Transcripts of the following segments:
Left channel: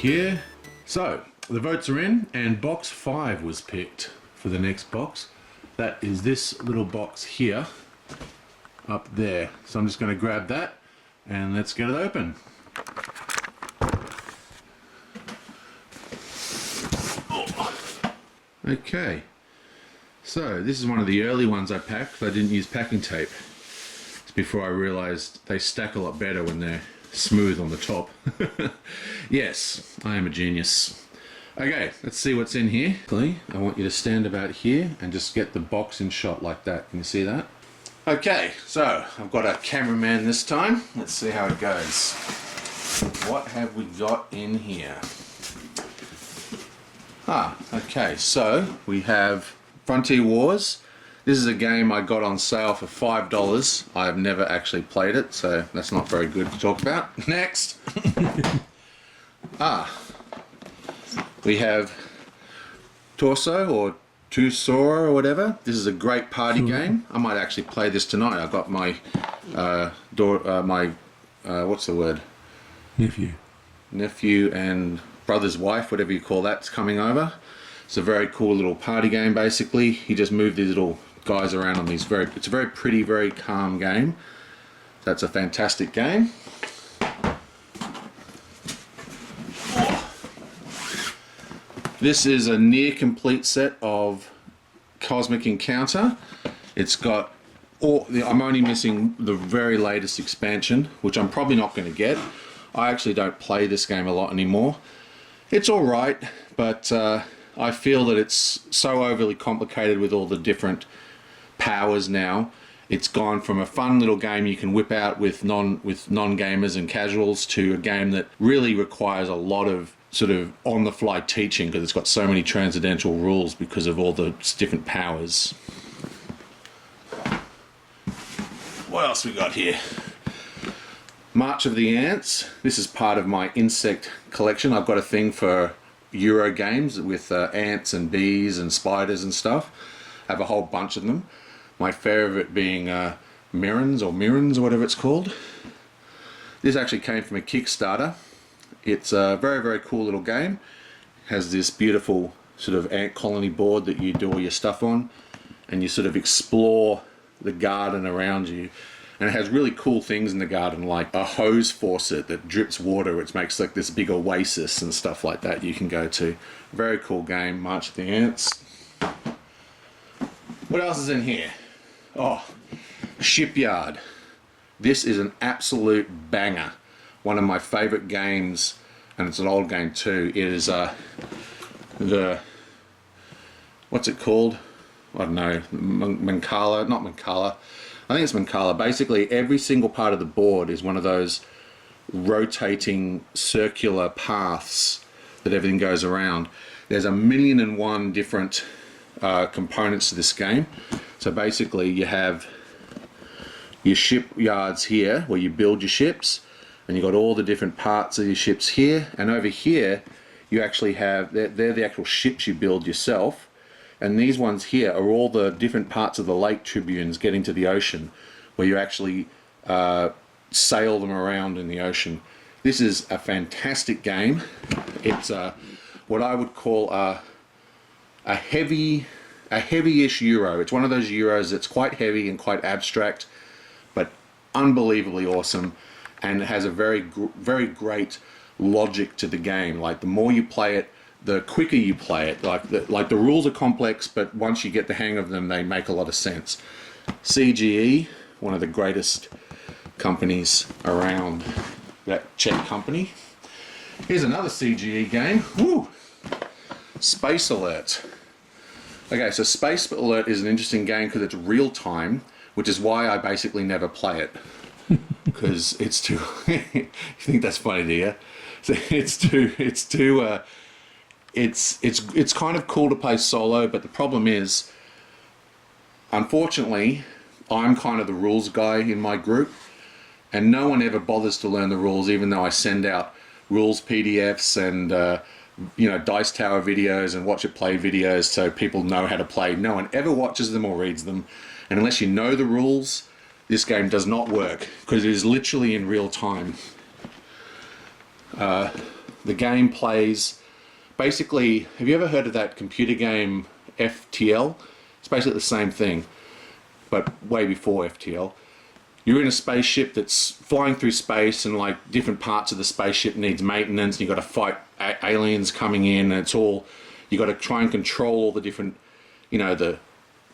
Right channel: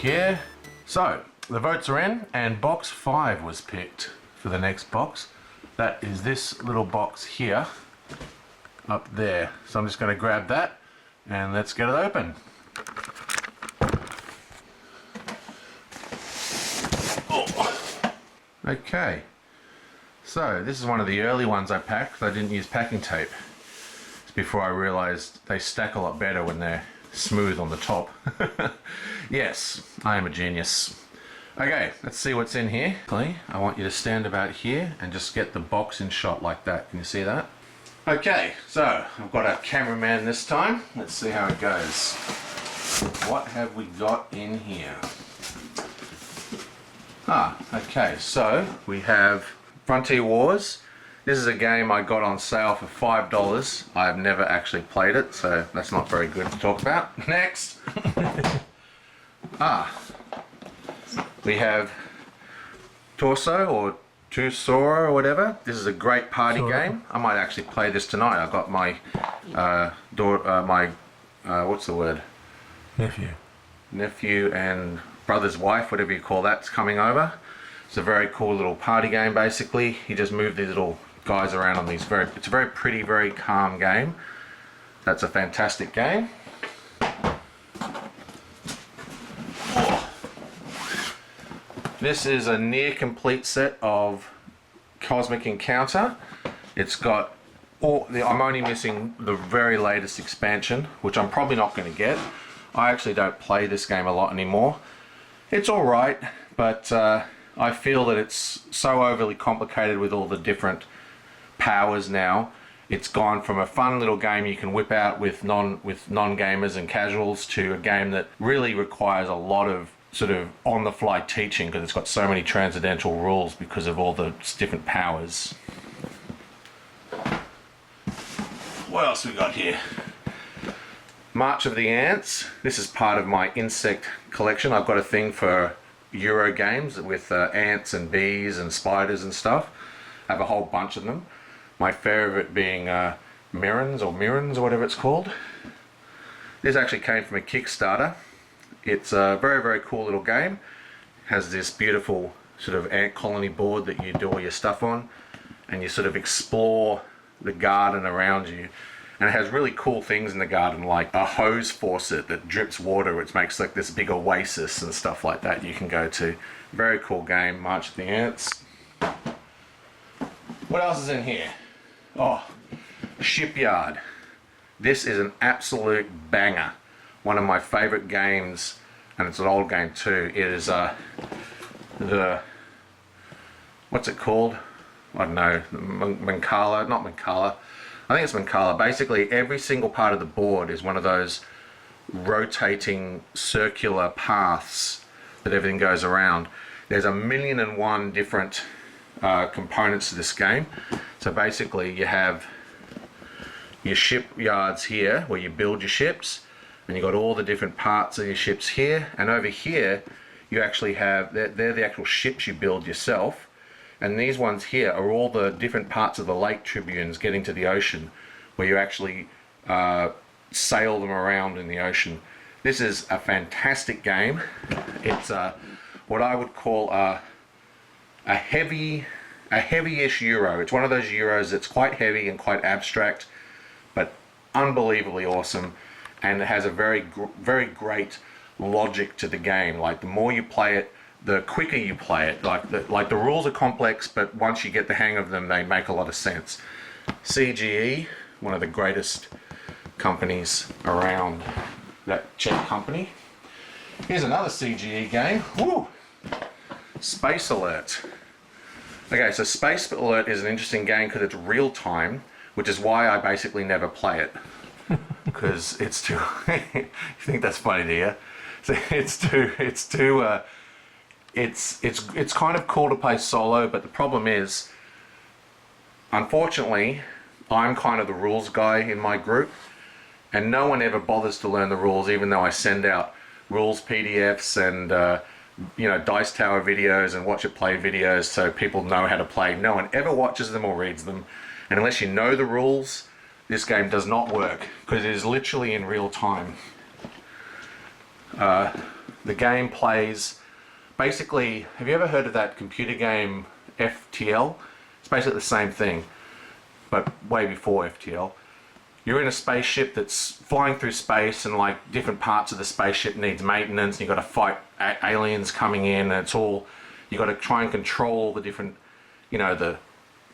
here. So the votes are in, and box 5 was picked for the next box. That is this little box here, up there. So I'm just going to grab that and let's get it open. Okay, so this is one of the early ones I packed. I didn't use packing tape. It's before I realized they stack a lot better when they're smooth on the top. Yes, I am a genius. Okay, let's see what's in here. I want you to stand about here and just get the box in shot like that. Can you see that? Okay, so I've got a cameraman this time. Let's see how it goes. What have we got in here? Okay, so we have Frontier Wars. This is a game I got on sale for $5. I have never actually played it, so that's not very good to talk about. Next! We have Torso or Tusora or whatever. This is a great party game. I might actually play this tonight. I've got my what's the word? Nephew and brother's wife, whatever you call that's coming over. It's a very cool little party game. Basically, you just move these little guys around on these. It's a very pretty, very calm game. That's a fantastic game. This is a near complete set of Cosmic Encounter. It's got I'm only missing the very latest expansion, which I'm probably not going to get. I actually don't play this game a lot anymore. It's alright, but I feel that it's so overly complicated with all the different powers now. It's gone from a fun little game you can whip out with non-gamers and casuals to a game that really requires a lot of sort of on-the-fly teaching, because it's got so many transcendental rules because of all the different powers. What else we got here? March of the Ants. This is part of my insect collection. I've got a thing for Euro games with ants and bees and spiders and stuff. I have a whole bunch of them. My favourite being Mirrans or whatever it's called. This actually came from a Kickstarter. It's a very, very cool little game. It has this beautiful sort of ant colony board that you do all your stuff on, and you sort of explore the garden around you. And it has really cool things in the garden, like a hose faucet that drips water, which makes like this big oasis and stuff like that you can go to. Very cool game, March of the Ants. What else is in here? Oh, Shipyard. This is an absolute banger. One of my favorite games, and it's an old game too. It is what's it called? I don't know, Mancala, not Mancala. I think it's Mancala. Basically, every single part of the board is one of those rotating circular paths that everything goes around. There's 1,000,001 different components to this game. So basically, you have your shipyards here, where you build your ships, and you've got all the different parts of your ships here. And over here, you actually have, they're the actual ships you build yourself. And these ones here are all the different parts of the lake tribunes getting to the ocean, where you actually sail them around in the ocean. This is a fantastic game. It's what I would call a heavy-ish Euro. It's one of those Euros that's quite heavy and quite abstract, but unbelievably awesome. And it has a very great logic to the game. Like, the more you play it, the quicker you play it. Like the rules are complex, but once you get the hang of them, they make a lot of sense. CGE, one of the greatest companies around, that Czech company. Here's another CGE game. Woo! Space Alert. Okay, so Space Alert is an interesting game because it's real time, which is why I basically never play it. Because it's too. You think that's funny, do you? So it's kind of cool to play solo, but the problem is, unfortunately, I'm kind of the rules guy in my group, and no one ever bothers to learn the rules, even though I send out rules PDFs and Dice Tower videos and watch it play videos so people know how to play. No one ever watches them or reads them, and unless you know the rules, this game does not work, because it is literally in real time. The game plays, basically, have you ever heard of that computer game FTL? It's basically the same thing, but way before FTL. You're in a spaceship that's flying through space, and like different parts of the spaceship needs maintenance. You've got to fight aliens coming in, and it's all, you've got to try and control all the different, you know, the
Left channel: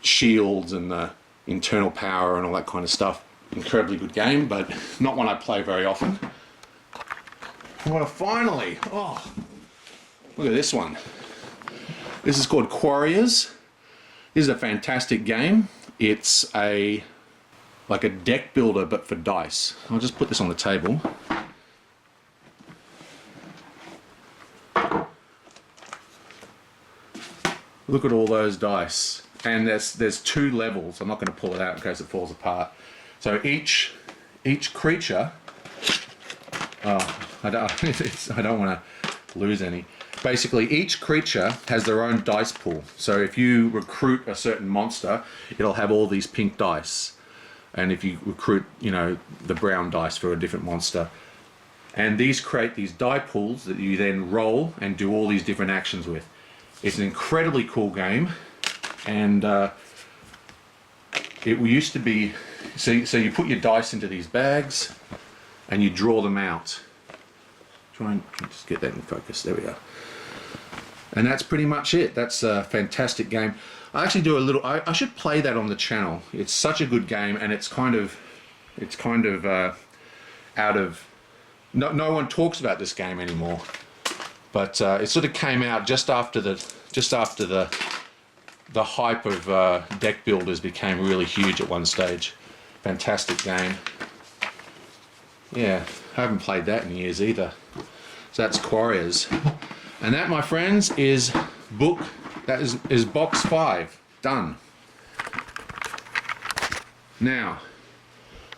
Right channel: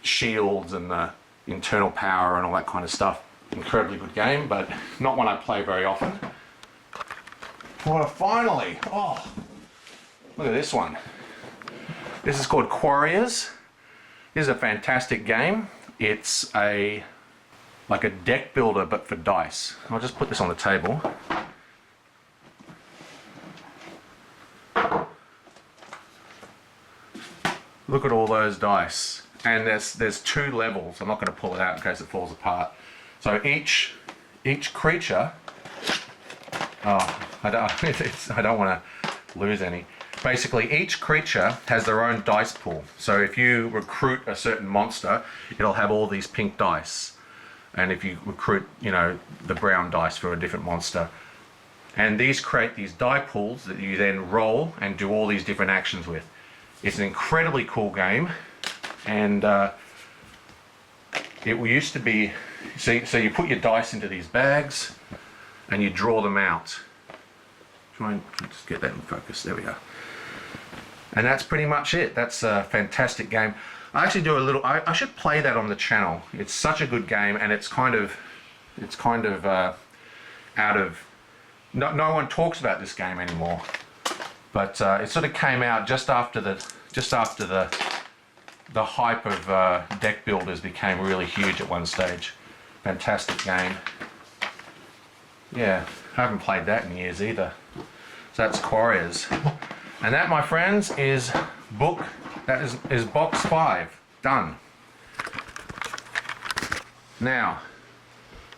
shields and the internal power and all that kind of stuff. Incredibly good game, but not one I play very often. Well, finally, oh, look at this one. This is called Quarriors. This is a fantastic game. It's like a deck builder, but for dice. I'll just put this on the table. Look at all those dice. And there's 2 levels. I'm not going to pull it out in case it falls apart. So each creature, oh, I don't want to lose any. Basically, each creature has their own dice pool. So if you recruit a certain monster, it'll have all these pink dice. And if you recruit, you know, the brown dice for a different monster. And these create these die pools that you then roll and do all these different actions with. It's an incredibly cool game. And it used to be, so you put your dice into these bags and you draw them out. Try and just get that in focus. There we go. And that's pretty much it. That's a fantastic game. I actually do a little, I should play that on the channel. It's such a good game, and it's kind of out of, no one talks about this game anymore. But it sort of came out just after the hype of deck builders became really huge at one stage. Fantastic game. Yeah, I haven't played that in years either. So that's Quarriors. And that, my friends, is box 5. Done. Now,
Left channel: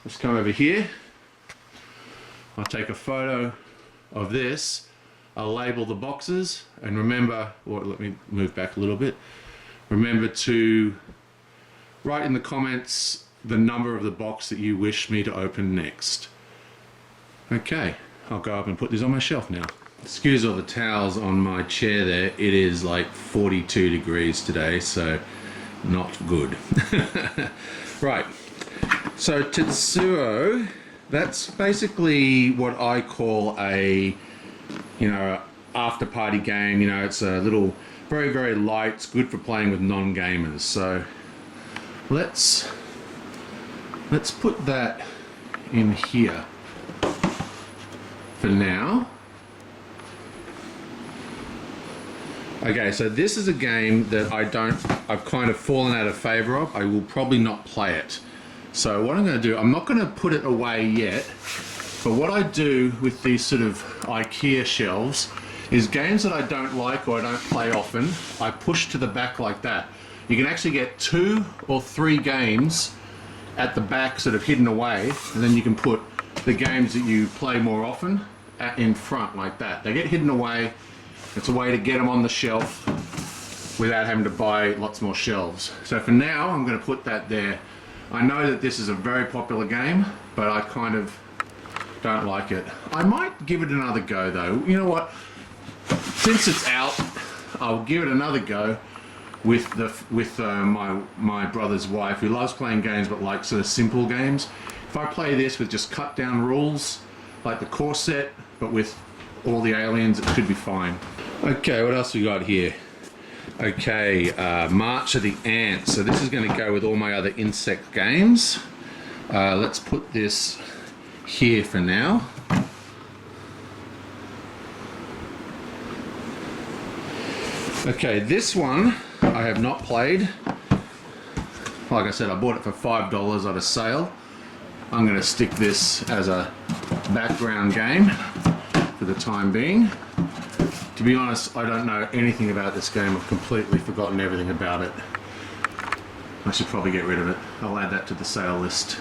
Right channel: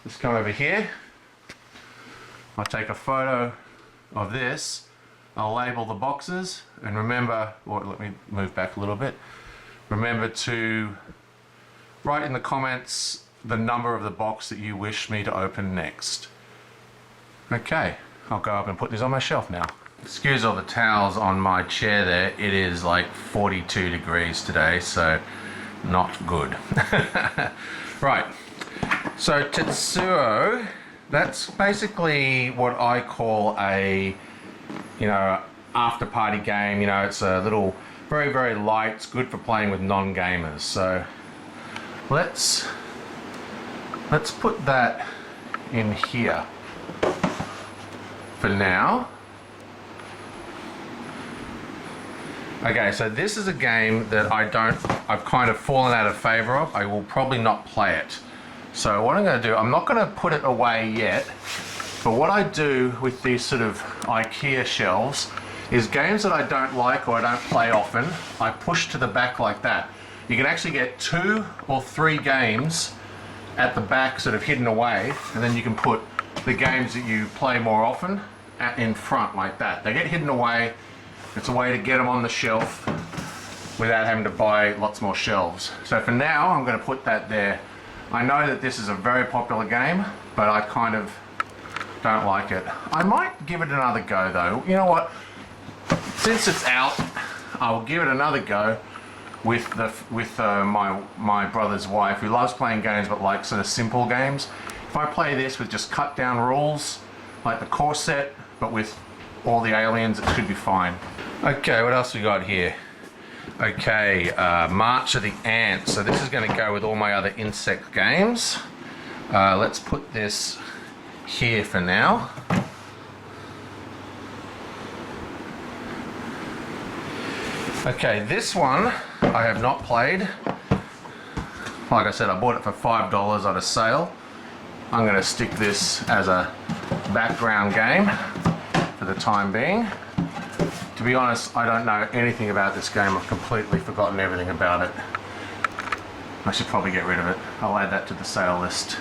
let's come over here. I'll take a photo of this. I'll label the boxes, and remember, or let me move back a little bit. Remember to write in the comments the number of the box that you wish me to open next. Okay, I'll go up and put this on my shelf now. Excuse all the towels on my chair there. It is like 42 degrees today, so not good. Right, so Tetsuo, that's basically what I call a, you know, after party game. You know, it's a little, very, very light. It's good for playing with non-gamers. So let's put that in here for now. Okay, so this is a game that I've kind of fallen out of favor of. I will probably not play it. So what I'm going to do, I'm not going to put it away yet, but what I do with these sort of IKEA shelves is games that I don't like or I don't play often, I push to the back like that. You can actually get 2 or 3 games at the back sort of hidden away, and then you can put the games that you play more often in front like that. They get hidden away. It's a way to get them on the shelf without having to buy lots more shelves. So for now, I'm going to put that there. I know that this is a very popular game, but I kind of don't like it. I might give it another go though. You know what? Since it's out, I'll give it another go with my brother's wife, who loves playing games but likes sort of simple games. If I play this with just cut down rules, like the core set, but with all the aliens, it should be fine. Okay, what else we got here? Okay, March of the Ants. So this is going to go with all my other insect games. Let's put this here for now. Okay, this one I have not played. Like I said, I bought it for $5 at a sale. I'm going to stick this as a background game for the time being. To be honest, I don't know anything about this game. I've completely forgotten everything about it. I should probably get rid of it. I'll add that to the sale list.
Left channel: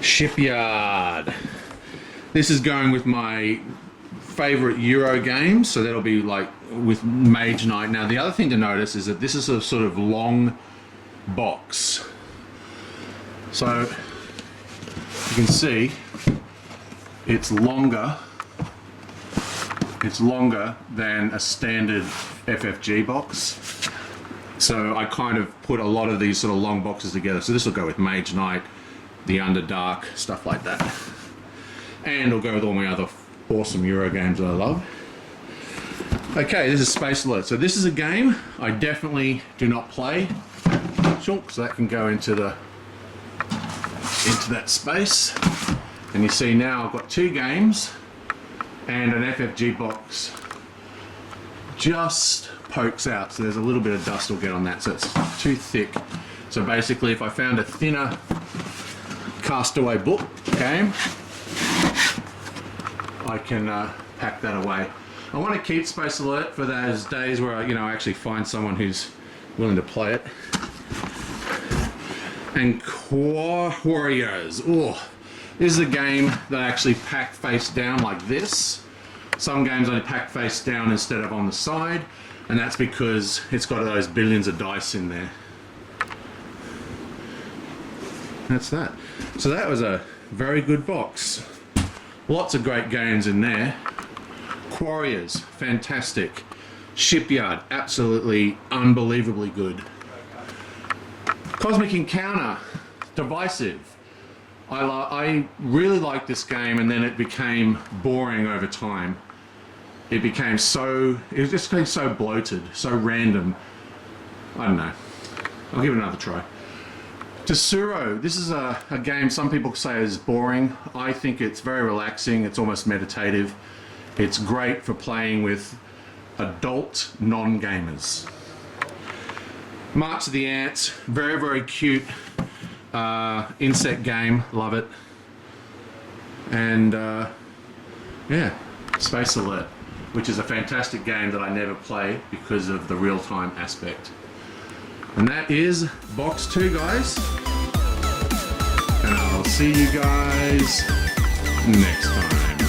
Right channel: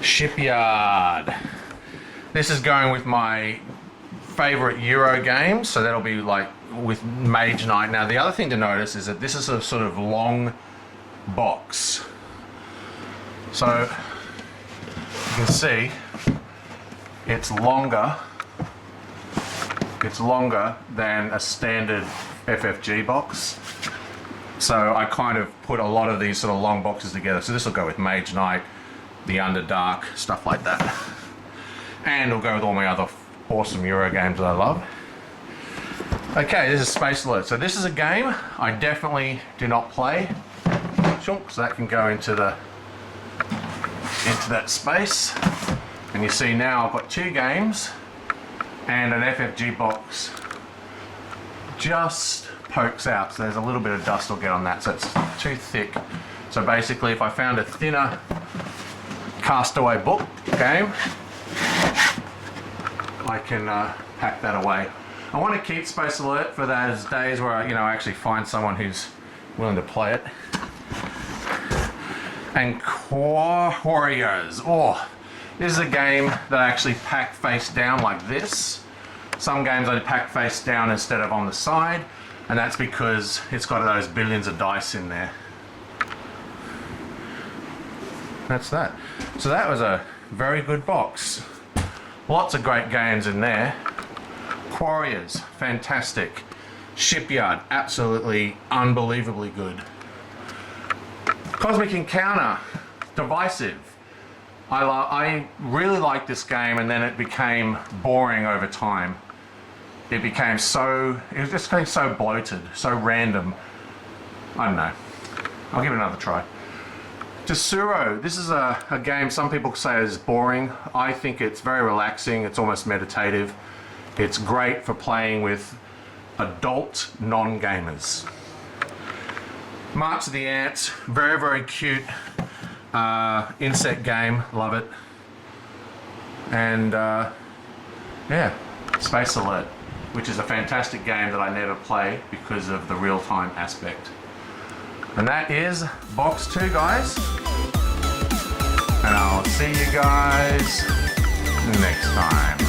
Shipyard. This is going with my favorite Euro games, so that'll be like with Mage Knight. Now the other thing to notice is that this is a sort of long box. So you can see it's longer it's longer than a standard FFG box. So I kind of put a lot of these sort of long boxes together. So this will go with Mage Knight, the Underdark, stuff like that. And it'll go with all my other awesome Euro games that I love. Okay, this is Space Alert. So this is a game I definitely do not play. So that can go into that space. And you see now I've got 2 games and an FFG box just pokes out, so there's a little bit of dust will get on that, so it's too thick. So basically if I found a thinner Castaway book game, I can pack that away. I want to keep Space Alert for those days where I actually find someone who's willing to play it. And Warriors. Oh, this is a game that I actually pack face down like this. Some games I pack face down instead of on the side, and that's because it's got those billions of dice in there. That's that. So that was a very good box. Lots of great games in there. Warriors, fantastic. Shipyard, absolutely unbelievably good. Cosmic Encounter, divisive. I really liked this game, and then it became boring over time. It was just getting so bloated, so random. I don't know. I'll give it another try. Tesoro, this is a game some people say is boring. I think it's very relaxing, it's almost meditative. It's great for playing with adult non-gamers. March of the Ants, very, very cute insect game, love it. And yeah, Space Alert, which is a fantastic game that I never play because of the real-time aspect. And that is box 2, guys. And I'll see you guys next time.